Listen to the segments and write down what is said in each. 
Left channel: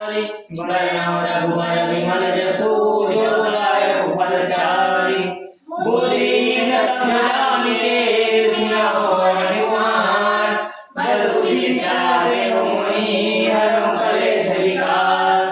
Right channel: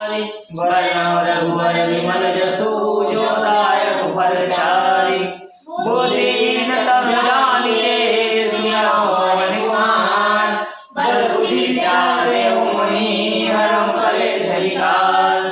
वर्ण रघुवर विमल जसु जो दायक फलचारि बुद्धिहीन तनु जानिके सियाओ पवन कुमार बल बुद्धि विद्या देहु मोहि हरहु कलेश विकार।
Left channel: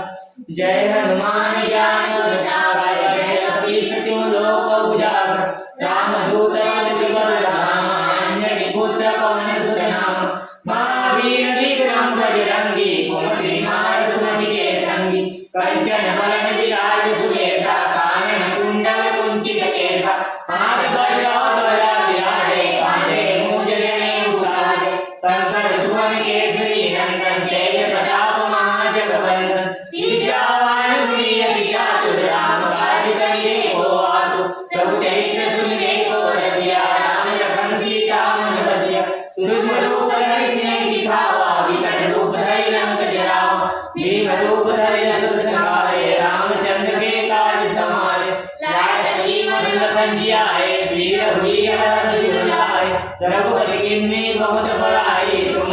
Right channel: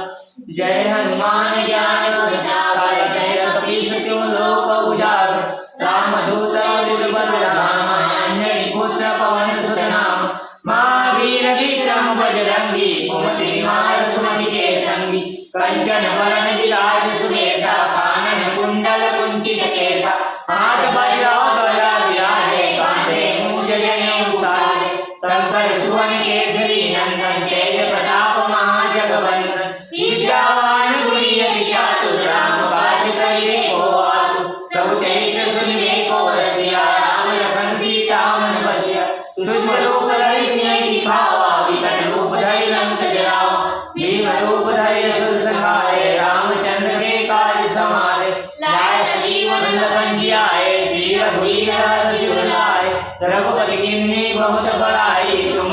जय हनुमान ज्ञान गुण सागर जय कपीस तिहुँ लोक उजागर रामदूत अतुलित बल धाम अंजनी पुत्र पवन सुत नाम महावीर विक्रम बजरंगी कुमति निवार सुमति के संगी कंचन बरन विराज सुबेसा कानन कुंडल कुंचित केसा हाथ वज्र ध्वजा विराजे कांधे मूंज जनेऊ साजे शंकर सुवन केसरी नंदन तेज प्रताप महाजगवंदन विद्यावान गुणी अति चातुर राम काज करिबे को आतुर प्रभु चरित्र सुनिबे को रसिया राम लखन सीता मन बसिया सूक्ष्म रूप धरि सियहि दिखावा विकट रूप धरि लंक जरावा भीम रूप धरि असुर संहारे रामचंद्र के काज समारे लाए श्रीमद लखन जियाए श्री रघुवीर हर्षि उर रघुपति किन्नी बहुत बड़ाई तुम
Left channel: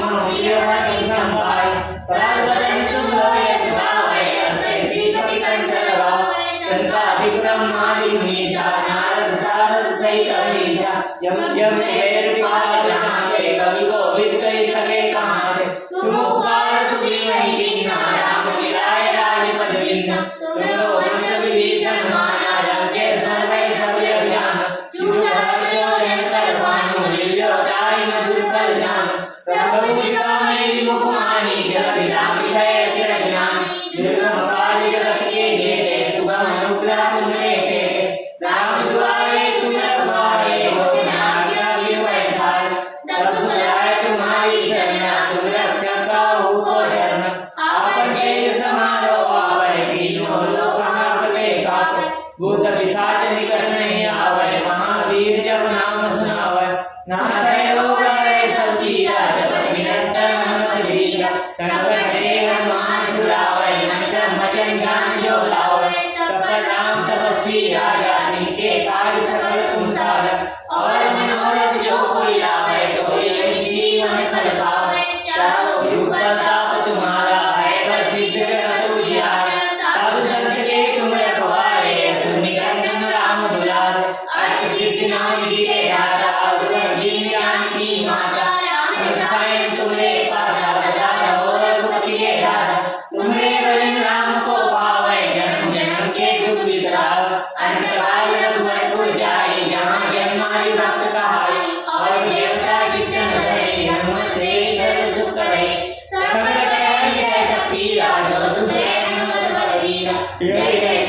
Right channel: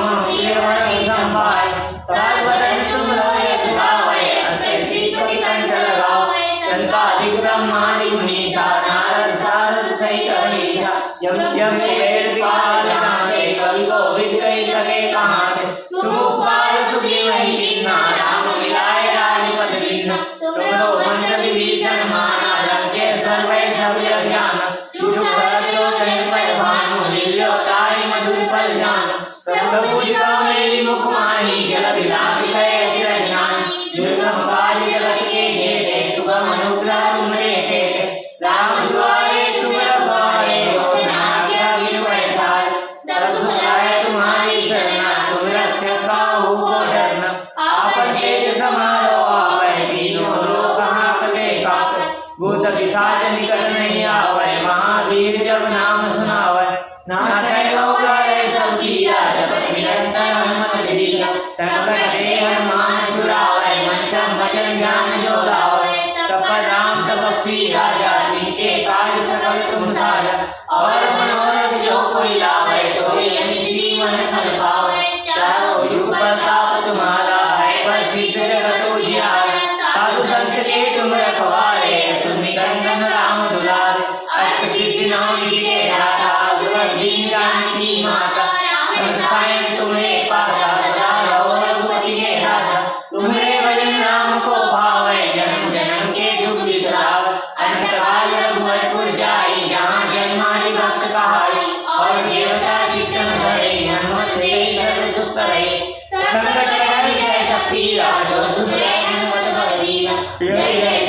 हर संभाय सर्वदन तुम यश गावै अष्ट सिद्धि कंठ लगावै संतादि ब्रह्मादि मुनीसा नारद सारद सहित अहीसा यम यम वेद विभाग जहाते कवि कोविद कहि सके कहाते तुम उपकार सुग्रीवहि दीन्हा राम मिलाए राजपद दीन्हा तुमरो मंत्र विभीषण माना लंकेश्वर वै सब जग जाना जुग सहस्रो जन पर भानु लील्यो ताहि मधुर फल जानु प्रभु मुदिता मेली मुख माहि जगत विराम गए अति रजनानि दुर्गम काज जगत के घेरे सुगम अनुग्रह तुमरे तेरे राम दुआरे तुम रखवारे होत न आज्ञा बिनु पैसारे सब सुख लाए तुम्हारी शरणा तुम रक्षक काहू को डरना आपन तेज समारो आवै तीनों लोक हांकते कांपै भूत पिशाच निकट नहीं आवै महावीर जब नाम सुनावै नासै रोग हरै सब पीरा जपत निरंतर हनुमत बीरा संकट ते हनुमान छुड़ावै मन क्रम वचन ध्यान जो लावै सब पर राम तपस्वी राजा जिनके काज सकल तुम साजा और मनोरथ जो कोई लावै सोई अमित जीवन फल पावै चारों युग प्रताप तुम्हारा है पर सिद्ध जगत उजियारा साधु संत के तुम रखवारे सुन निकंदन राम दुलारे अष्ट सिद्धि नौ निधि के दाता असुर दीन जानकी माता राम सायं तुम्हारे पासा सदा रहो रघुपति के दासा तुम्हारे भजन राम को पावै जन्म जन्म के दुख बिसरावै अंत काल रघुवरपुर जाई जहाँ जन्मादि भक्त कहाई और देवता चित्तन धरे हनुमत से सर्व सुख करे संकट हरै जय सब पीरा जो सुन लै हनुमत बलवीरा जय जय